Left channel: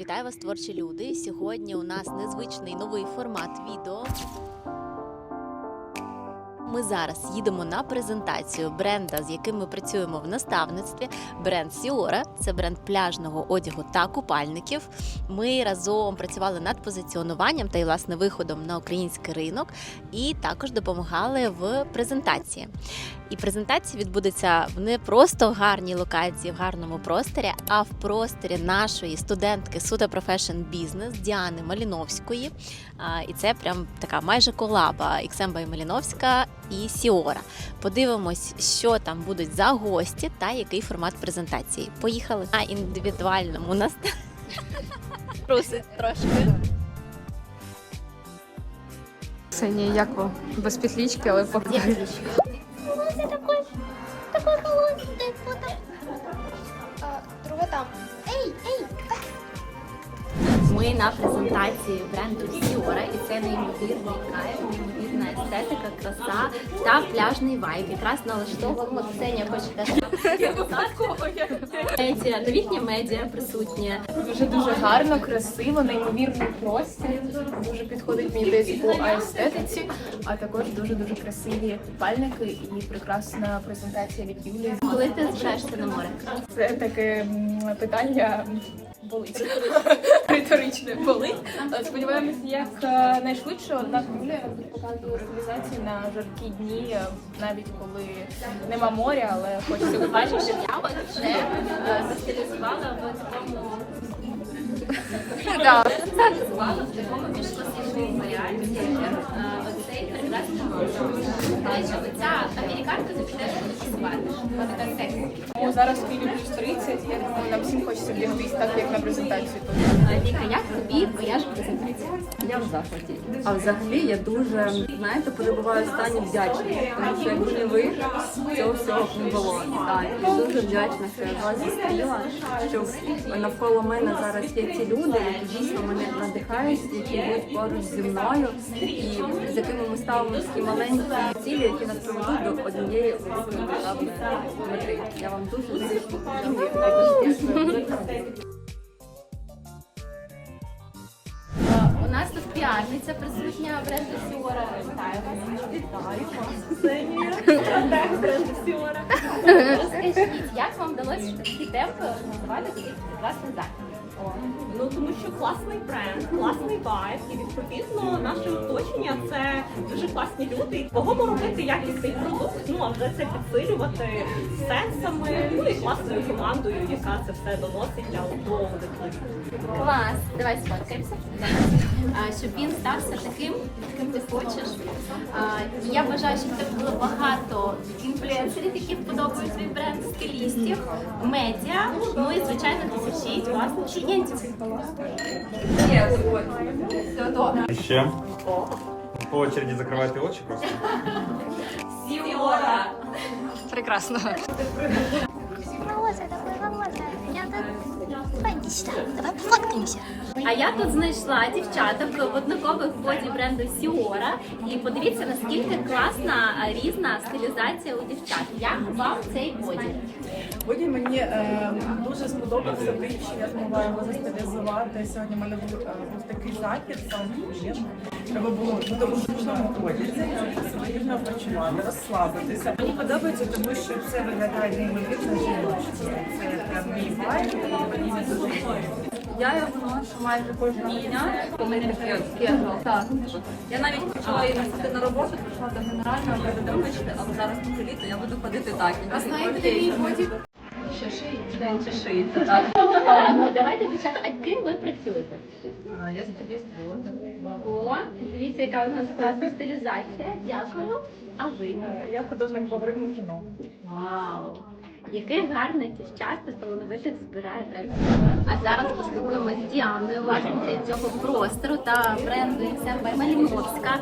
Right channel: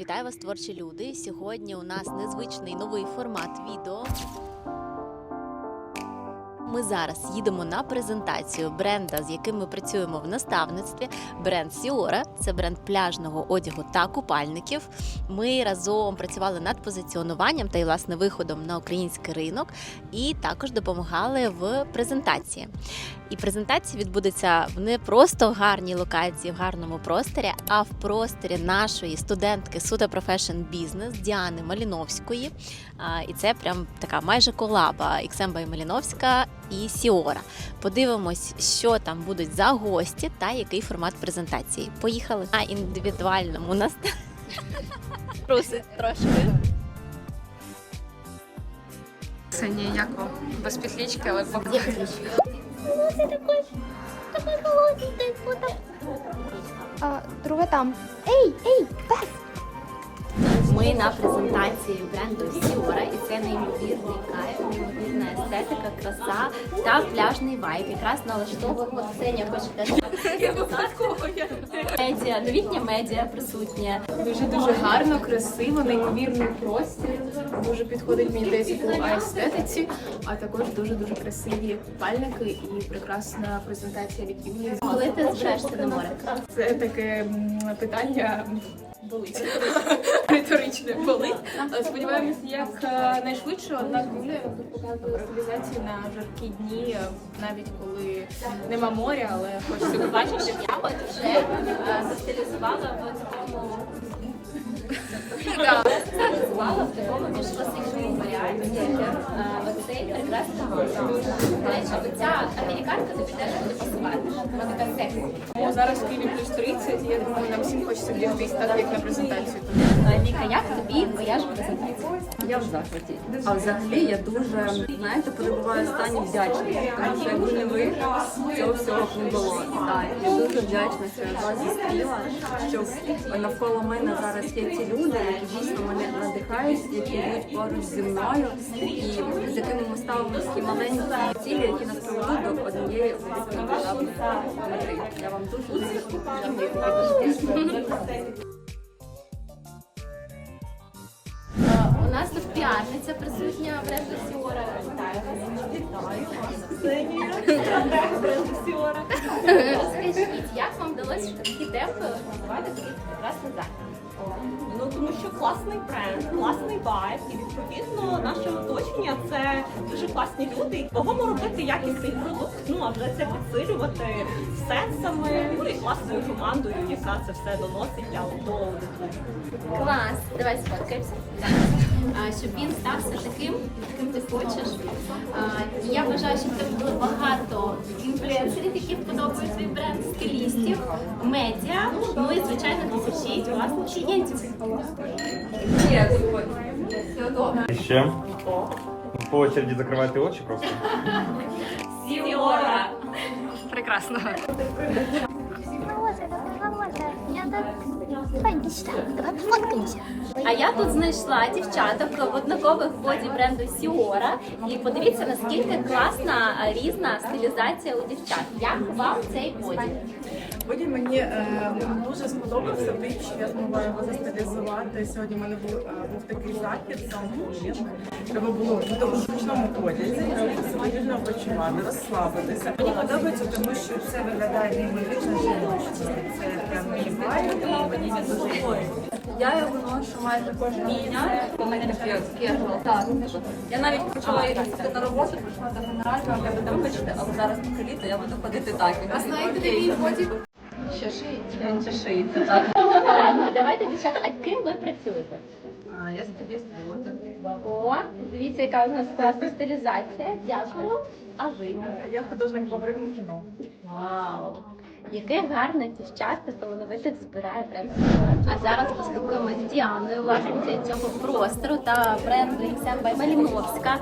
Вітаю вас, творчі люди. Сьогодні у нас незвичний новий формат відео. Ми зараз їдемо на презентацію бренда, з яким ми працюємо в наставництві. Бренд Сіора це бренд пляжного одягу та купальників. Ми разом працювали над позиціонуванням та й власне виходом на український ринок, і також допомагали в презентації. І презентація відбудеться в не просто гарній локації, в гарному просторі, а в просторі нашої студентки Сута Profession Business Діани Маліновської. І це прям така майже колаба Іксемба і Маліновська і Сіора. Подивимось, що там будуть за гості та який формат презентації. Поїхали на індивідуальному нас трусить трошки. Ксенія, як вам? Без петлички, але Де ключ? Волосся такой, такой холодненький, вот так. А, друга там. Ей, ей, Ми на презентації бренду Сіора, і це неймовірний кайф, неймовірна естетика, краса та пляжний вайб. Якраз налаштовуємо Ксенія хоче теж медіа, новітня медіа присутнє. дуже дуже гарно, красиво, неймовірний простір. Дуже підходить мені десь по естетиці, а також дуже дуже красиві купальники і прекрасна презентація від Юлії. Коли ти збираєшся на море? Це таке питання. Болить риторичне болить. Сподіваємося, як е, найшвидше. Однак Юлія тут показує стилізації на жаркі дні, навіть коли нема моря, але хочеться побачити. Я от вже е, застилізувала в такому Стилізувала в такому більш класичному варіанті. Оцей прекрасний колір. До американка тобі теж буде пасувати. Вона така сексі. Зараз в Києві плюс 30, я думаю, нам всім хочеться бігтись так, як на презентацію. Віка, як тобі твоя ж презентація? Я в захваті. А взагалі я дуже знаєте, перебуваю в стані вдячності, тому що якби не ви, цього всього б не було. Так, я дуже вдячна, що я вас зустріла, що навколо мене зараз є ті люди, які дійсно мене надихають, які йдуть поруч зі мною, і з якими ми ставимо такі маленькі цілі, які нас приведуть до однієї великої масштабної мети. Я вам дуже дуже дякую. У нас тут піарниця присутня бренду Сіора. Вітаю вас. Вітаю вас. Ксенія. бренду Сіора. Розкажіть, як вам вдалося в такі темпи називати такий прекрасний захід? Ну тому що класний бренд, класний вайб, і відповідно це дуже класні люди. Кого робити якісний продукт, ну а вже це підсилювати сенсами, ну і класною командою, яка це все доносить для до аудиторії. Клас, давай сфоткаємося. Щоб він стався таким, яким ти хочеш. І я бажаю, щоб в тебе було багато інфлюенсерів, які вподобають свій бренд, стилістів, медіа, ну і звичайно тисячі власних клієнтів. Ще. По очереді закривайте очі просто. Сіора! Прекрасно. Я тут... Давай, иди сюда, давай пофоткаемся. А я тут знайшла дівчаток в однакових боді бренду Сіора. І подивіться, наскільки класна різна стилізація у дівчат. Як вам цей боді? Сьогодні мені е, дуже сподобався тим, що я змогла його застилізувати. Сьогодні в мене був, е, був такий захід, сам. Треба було бути у зручному одязі, себе вільно почувати, розслабитися. Мені подобається, тому що це виглядає неймовірно жіночно. Це прям мій вайб, і мені він дуже подобається. Я його ношу майже кожного дня. У мене таке кегал. Так. Я навіть почала її носити на роботу, прийшла до генерального, кажу, вибачте, але зараз поки літо, я буду ходити так. А знаєте, мій боді? Що шиється? Він ще шиється, так. Ну, давайте дівчата, а ким ви працюєте? А, Я стиліст О, дивіться, яка у нас класна стилізація. Дякую. А ви? Я художник по кіно. Вау! Яких гарних дівчат та талановитих збирає. А зараз поспілкуємося з Діаною, власницею цього простору та бренду Семба Маліновська.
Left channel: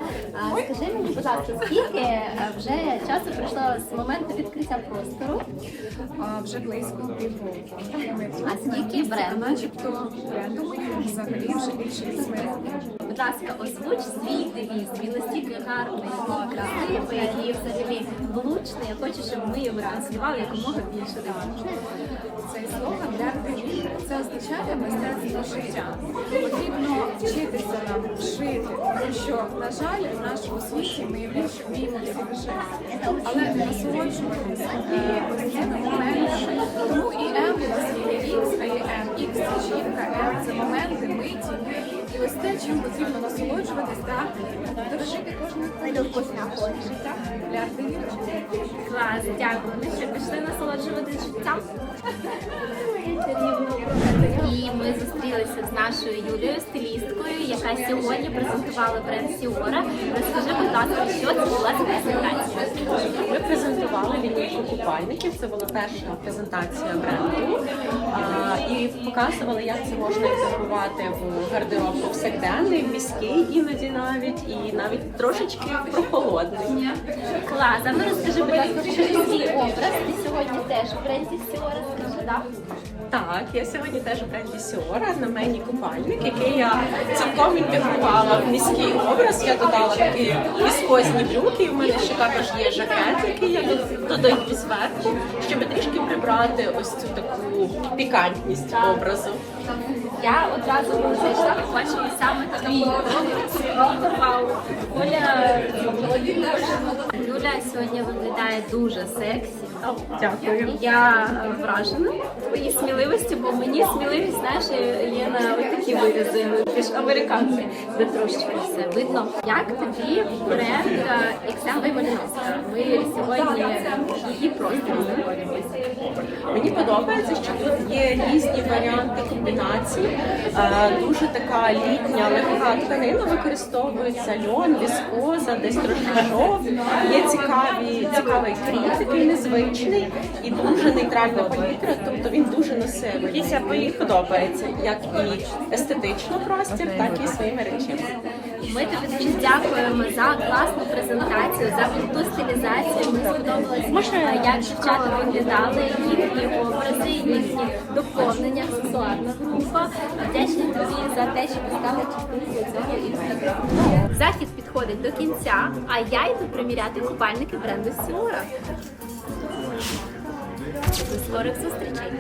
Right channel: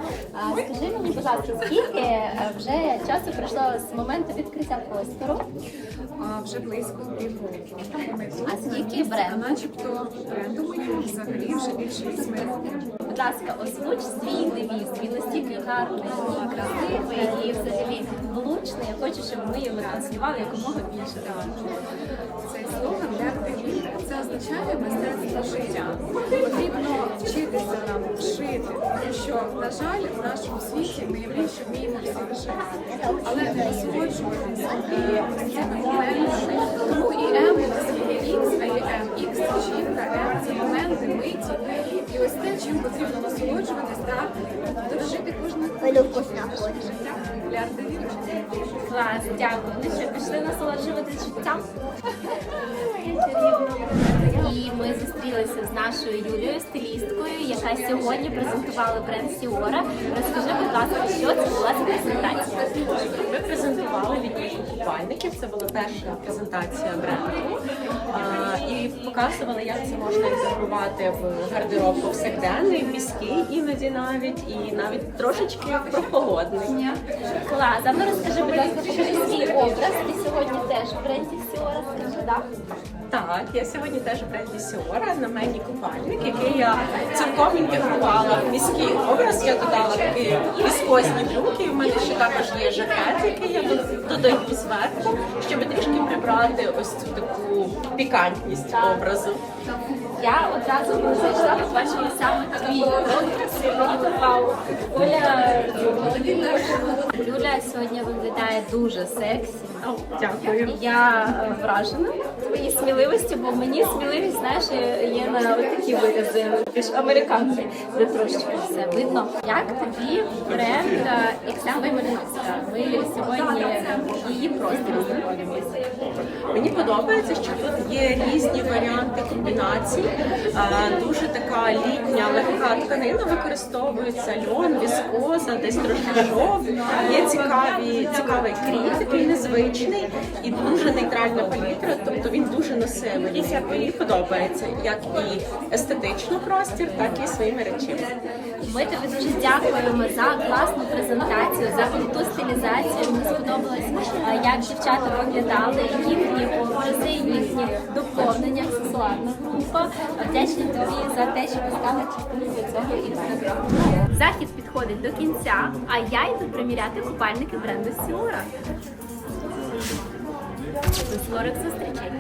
Скажи мені, будь ласка, скільки е, вже часу пройшло з моменту відкриття простору? А, вже близько півроку. А скільки бренду? Начебто бренду моєму взагалі вже більше 8 років. Будь ласка, озвуч свій девіз. Він настільки гарний, красивий взагалі влучний. Я хочу, щоб ми його транслювали якомога більше. Цей слоган віри. Це означає мистецтво життя. Потрібно вчитися нам жити, тому що, на жаль, в нашому світі ми більше вміємо всі виживати, але не насолоджуватися е, ось цими моментами. Тому і М у нас є X, а є М. Жінка, М це моменти, миті. І ось те, чим потрібно насолоджуватись та дорожити кожним життя для артивіри. Клас, дякую. Ну що, пішли насолоджуватись життям. І ми зустрілися з нашою Юлією, стилісткою, яка сьогодні презентувала бренд Сіора. Розкажи, будь ласка, що це була за презентація? Презентували лінійку купальників. Це була перша презентація бренду. І показували, як це можна інтегрувати в гардероб повсякденний, міський іноді навіть, і навіть трошечки прохолодний. Клас, а ну розкажи, будь ласка, свій образ. Ти сьогодні теж в бренді Сіора, скажи, так? Так, я сьогодні теж в бренді Сіора на мені купальник, який я цілком інтегрувала в міський образ. Я додала такі віскозні брюки. У мене ще також є жакет, який я до- додаю зверху, щоб трішки прибрати ось цю таку пікантність образу. Я одразу коли зайшла, побачила саме твій. Вау, Оля, Люля сьогодні виглядає дуже сексі. Дякую. Я е, вражена твоєю сміливості, бо мені сміливість, знаєш, є на такі вирази. Ти ж американці, де трошечки все видно. Як тобі бренд е, XM Маліновська? Ми сьогодні її знаходимося. Мені подобається, що тут є різні варіанти комбінацій. Е, Дуже така літня, легка тканина використовується льон, віскоза, десь трошки шов. Є цікаві, цікавий крій, такий незвичний і дуже нейтральна палітра, тобто він дуже носивий. Мені подобається як і естетично простір, так і своїми речами. Ми тобі дуже дякуємо за класну презентацію, за круту стилізацію. Мені сподобалось, як дівчата виглядали, їхні образи, їхні доповнення, аксесуарна група. Вдячні тобі за те, що ви стали частиною цього івенту. Захід підходить до кінця, а я йду приміряти купальники бренду Сіора. До скорих зустрічей!